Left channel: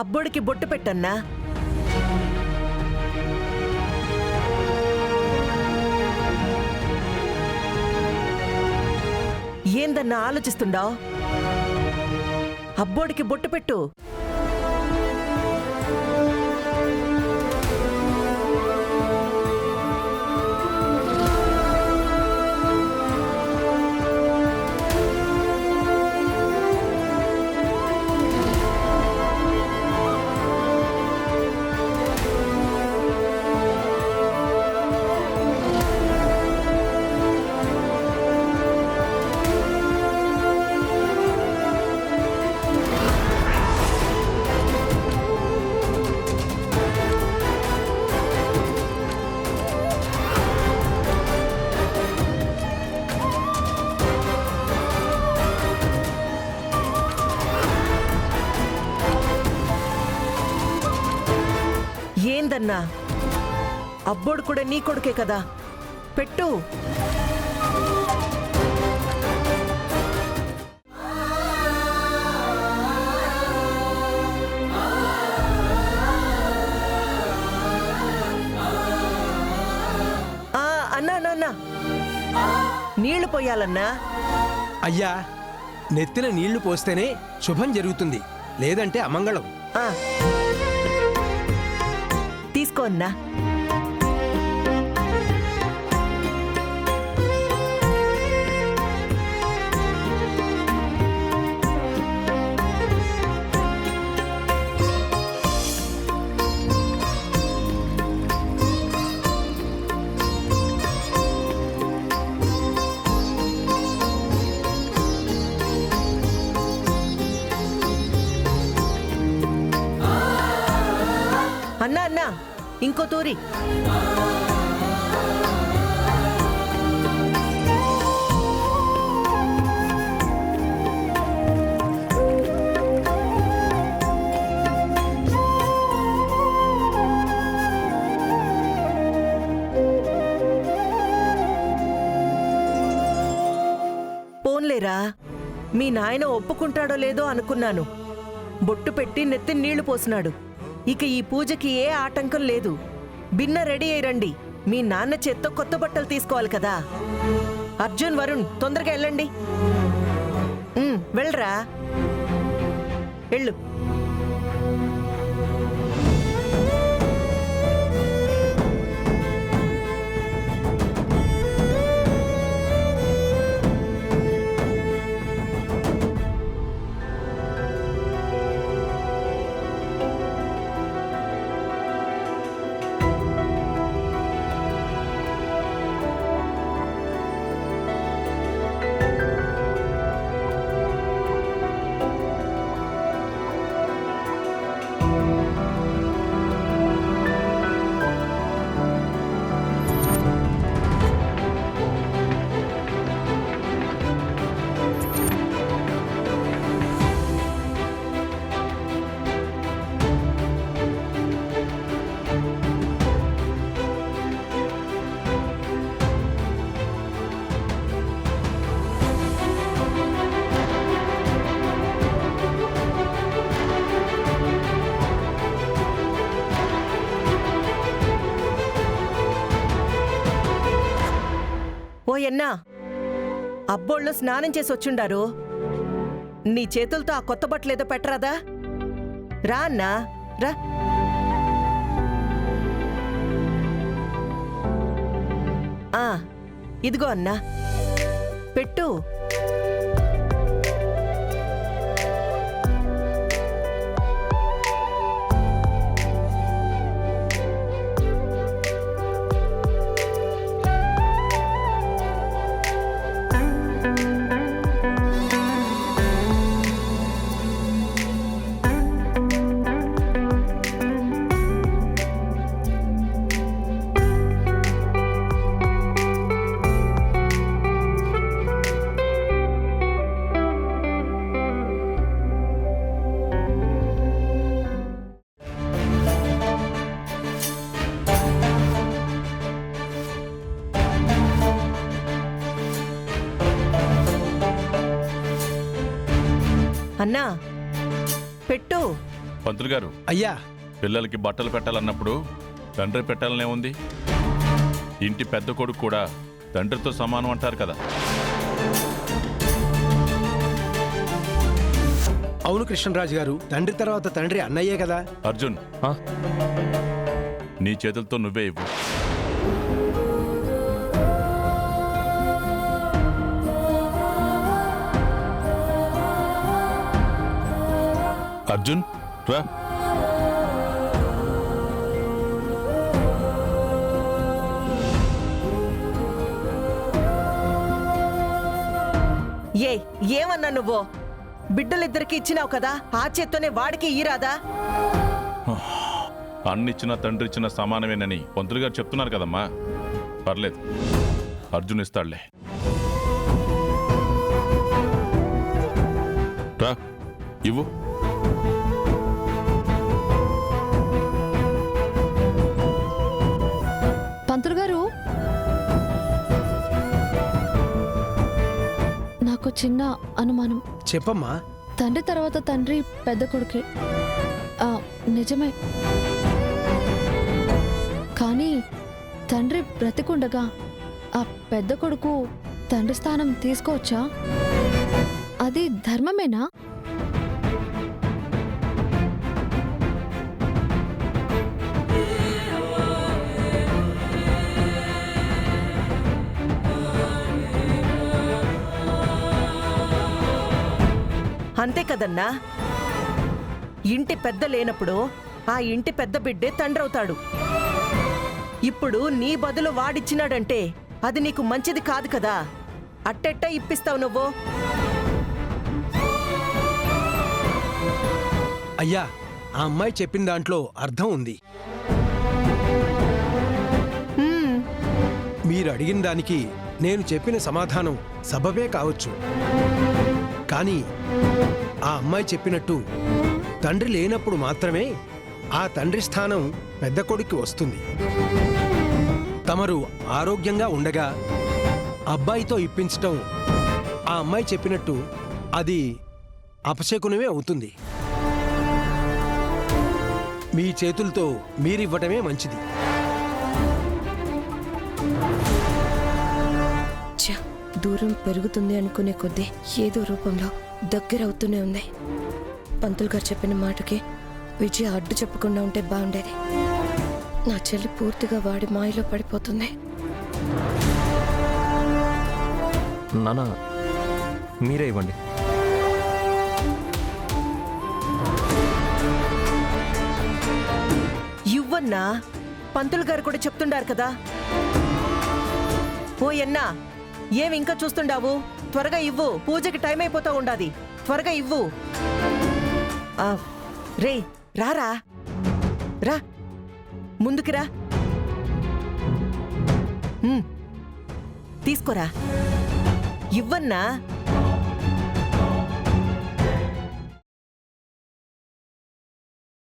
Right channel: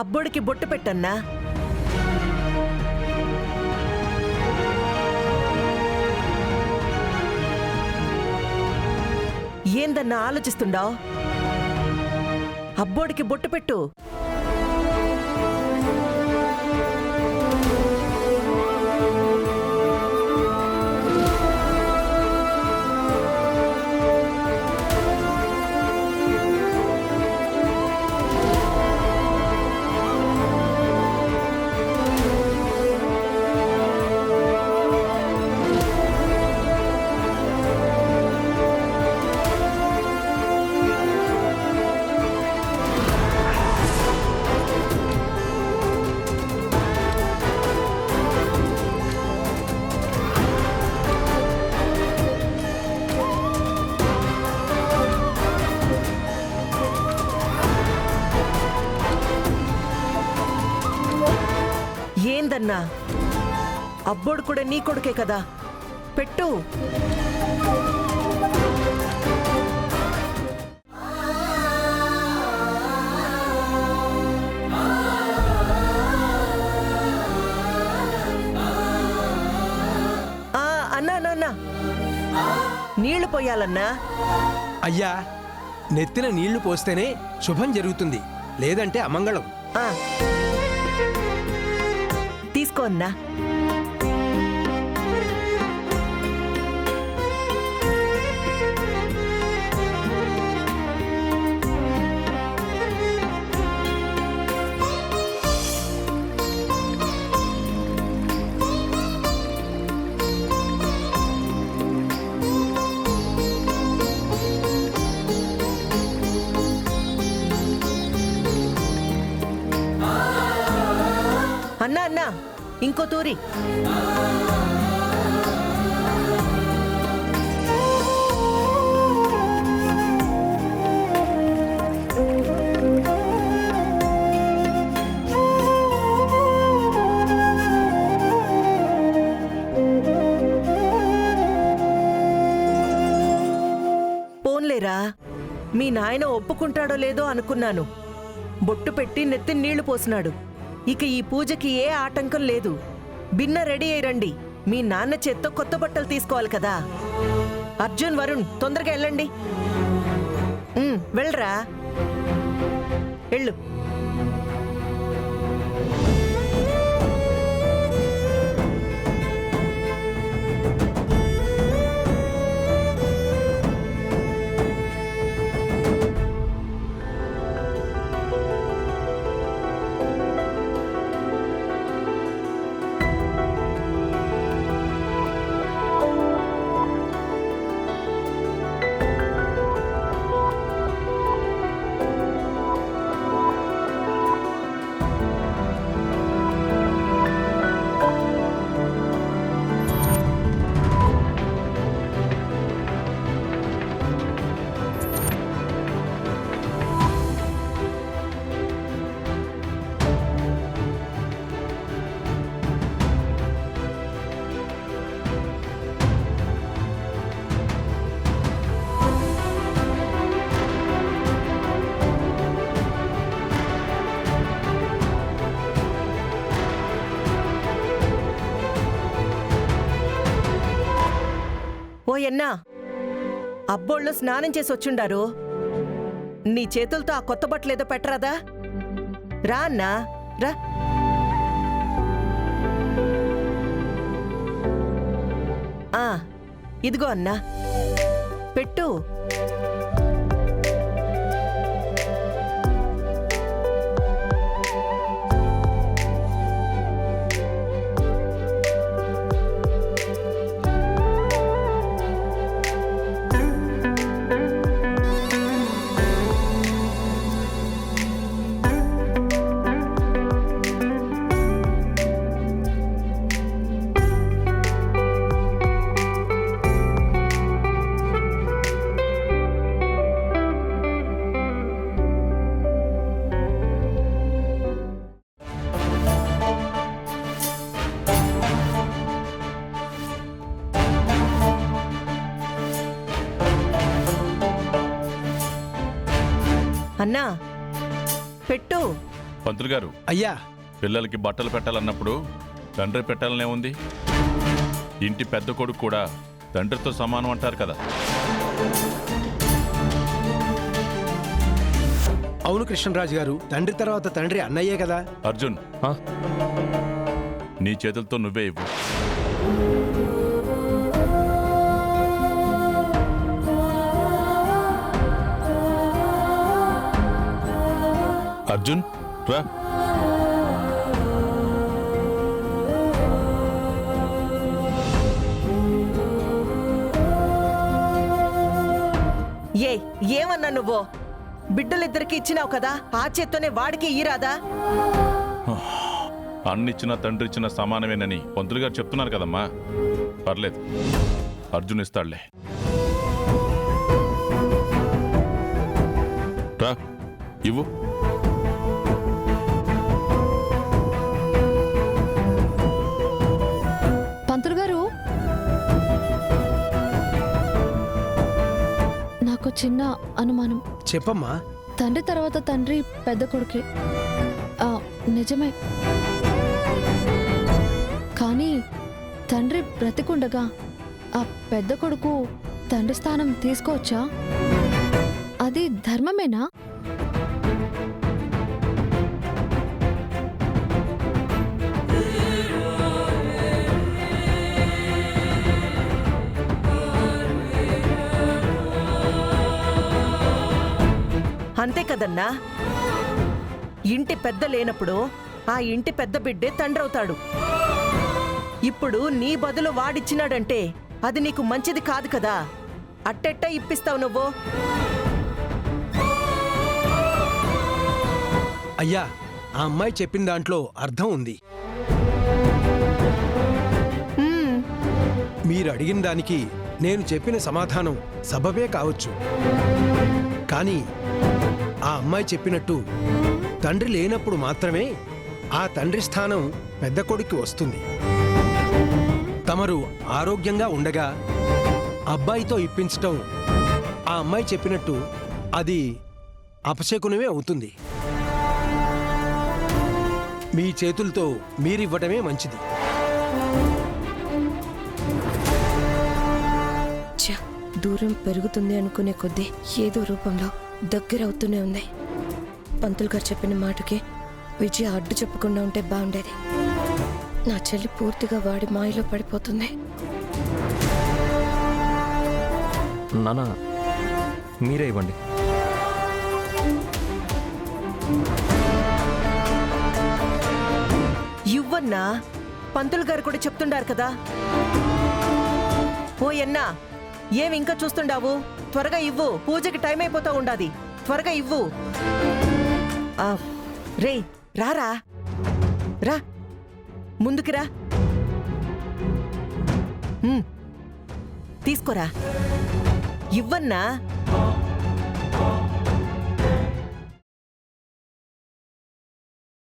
అబ్బోడికి బొట్టు పెట్టన్నా. ఏందన్నా ఆలోచిస్తుండావు? అబ్బోడికి బొట్టు పెట్టు. ఏందన్నా, అబ్బోడు కూడా నీ కొడుకే కదా, పెట్టు. అన్నా నీళ్లు పోయాలన్నా. అయ్యా, నెత్తిన నీళ్లు పోస్తేనే శుభం జరుగుతుంది, లేదంటే అమంగళం. తీసుకో అన్నా. అన్నా అన్నా, ఇంకో తూరి. పోన్లేరా, మీ నాయన ఒప్పుకుంటాడో లేదో అనుకున్నాను. బొట్టు పెట్టి నెత్తి నీళ్లు పోసినాడు. ఇక ఈ పూజకి ఏ ఆటంకం లేదు. బిన్న రెడీ అయి రండి. మీ నాన్న చేత్తో కొత్త బట్టలు తీసుకోవాలి కదా. అర్జున్, వరుణ్, తొందరగా వెళ్ళండి. వెళ్ళరా, వెళ్ళు. ఓయన్నా, అబ్బోళ్ళు స్నానం చేసి వచ్చుండారు. నీ చేతులతో ఆ కొత్త బట్టలేదో పెట్టరాదా? రా అన్నా, రా. ఇదిగో అన్నా, పెట్టు. అన్నా, పెట్టు. పంతులు గారు, అయ్యా పిల్లలకి బట్టలు పెట్టాలన్నప్పుడు తండ్రి పెట్టాలనే ఉంది. ఇంటి పెద్ద కొడుకు కూడా తండ్రితో సమానం అంటారు కదా. అవును కృష్ణరాజు గారు, తండ్రి తర్వాత తండ్రి అన్నయ్యే కదా. అర్జున్, నీ చేతులతో నువ్వే ఇవ్వు. అర్జున్ రా. ఏమన్నా నువ్వు? బిడ్డలిద్దరికి ఇచ్చినావు కదా, ఆ చేత్తోనే వాడికి ఈరాదా? అన్నిచ్చిన తండ్రి ఇచ్చిన సమానమేనని పంతులు గారు చెప్తున్నారు కదమ్మా. పర్లేదు, అర్జున్ ఇస్తాడులే. రా, ఇవ్వు. పంతులు గారు, నాకు చిన్న అనుమానం. చెప్పమ్మా. తండ్రి తర్వాత తండ్రి పెద్ద కొడుకే, నిజమే. కానీ తండ్రి బ్రతికుండగా ఆ పెద్ద కొడుకు తండ్రి స్థానం తీసుకోవచ్చా? అది ధర్మమేనా? అంతే కదన్నా. ఇంటి పెద్ద లేనప్పుడు ఆ ఇంటి పెద్ద బిడ్డే తండ్రవుతాడు. ఇప్పుడు నీ బదులు వాడిచ్చినాడంటే అది నీకు మంచిది కాదు కదా. అట్టెట్ట ఇప్పిస్తావు నువ్వు? అయ్యా, ఆ అమ్మాయి చెప్పిన దాంట్లో అర్థం ఉంది. మీరు అడిగిన దానికి నేను చెప్పిన సమాధానం సబబే కావచ్చు. కానీ ఆ అమ్మాయి చెప్పినట్టు తండ్రి లేనప్పుడు మాత్రమే ఆ తండ్రి స్థానం పెద్ద కొడుక్కి వస్తుంది. తమరు ఆరోగ్యంగా ఉండగా అబ్బాయితో ఇప్పించటం ఆ అమ్మాయి చెప్పినట్టు అది అపశకునమే అవుతుంది. మీ చేతులతో మీరివ్వటమే మంచిది. దూరం పెరుగుతుంది అనుకునే కొద్దీ ఏదో రూపంలో దగ్గరవుతూనే ఉంది. పంతులు గారు చెప్పిన మాటకి విజయ అడ్డు చెప్పకుండా ఉంటే బాగుండేది. నా చెల్లి పూర్తిగా వాడి మాయలో పడిపోతుంది. నాన్న, మీరే ఇవ్వండి. ఇవ్వన్నా, పంతులు గారు కూడా చెప్తుండారు కదా. ఓ ఎన్నా, ఏమి ఇంకా చూస్తుండావు? త్వరగా ఇవ్వు, పూజకి టైం అయిపోతా ఉండాది. త్వరగా ఇవ్వు. రే రారా, రా ముందుకి రా. తీసుకోరా, ఇవ్వన్నా.